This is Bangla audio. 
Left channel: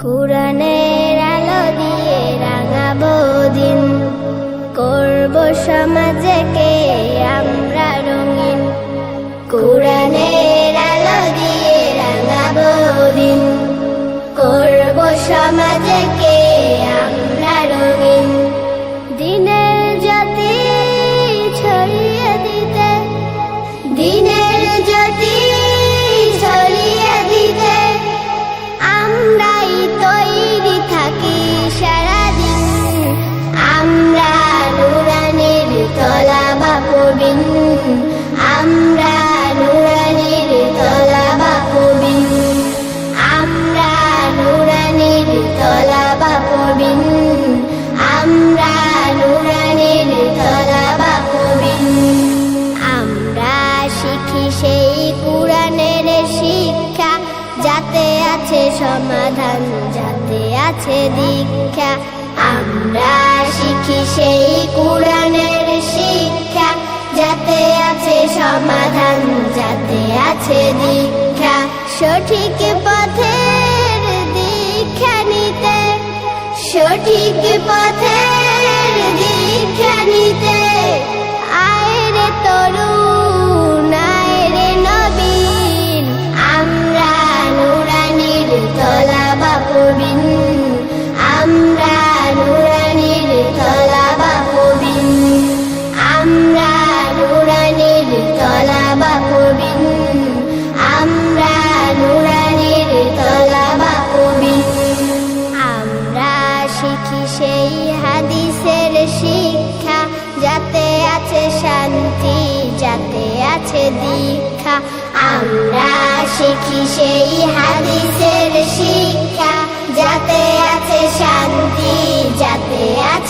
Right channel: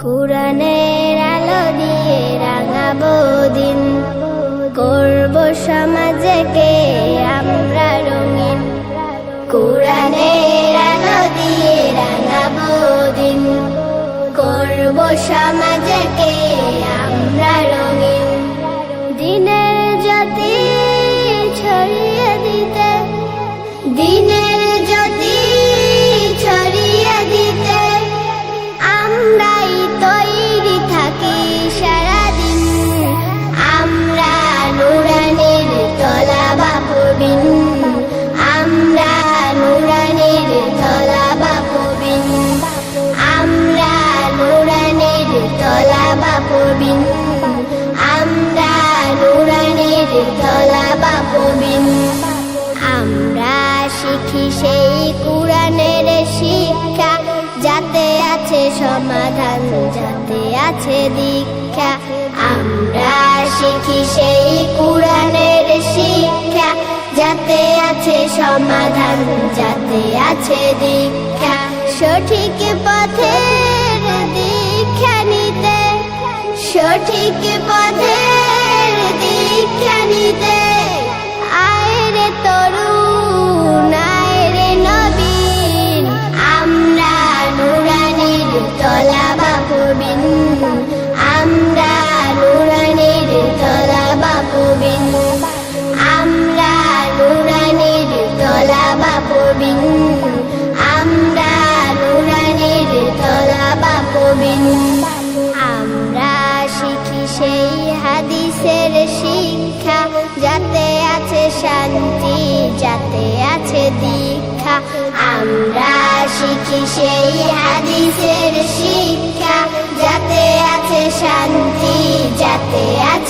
কুরআনের আলো দিয়ে রাঙাবো দিন, করব সমাজকে আমরা রঙিন। কুরআনের আলো দিয়ে রাঙাবো দিন, করব সমাজকে আমরা রঙিন। দিনের জ্যোতি ছড়িয়ে দিতে, দিনের জ্যোতি ছড়িয়ে দিতে আমরাই তৈরি থাকি সারাদিন। আমরা নুরানির তলাবা পড়বিন, আমরা নুরানির তলাবা পড়বিন, আমরা নুরানির তলাবা পড়বিন, আমরা নুরানির তলাবা পড়বিন। আমরা শিখি সেই কুরআনের শিক্ষা, যাতে আছে সমাধান, যাতে আছে দীক্ষা। আমরা শিখি সেই কুরআনের শিক্ষা, যাতে আছে সমাধান, যাতে আছে দীক্ষা। সঠিক পথের দীক্ষা নিতে, সঠিক পথের দীক্ষা নিতে আয় রে তরুণ, আয় রে নবীন। আমরা নুরানির তলাবা পড়বিন, আমরা নুরানির তলাবা পড়বিন, আমরা নুরানির তলাবা পড়বিন, আমরা নুরানির তলাবা পড়বিন। আমরা শিখি সেই হাদিসের শিক্ষা, যাতে আছে শান্তি, যাতে আছে দীক্ষা। আমরা শিখি সেই হাদিসের শিক্ষা, যাতে আছে শান্তি, যাতে আছে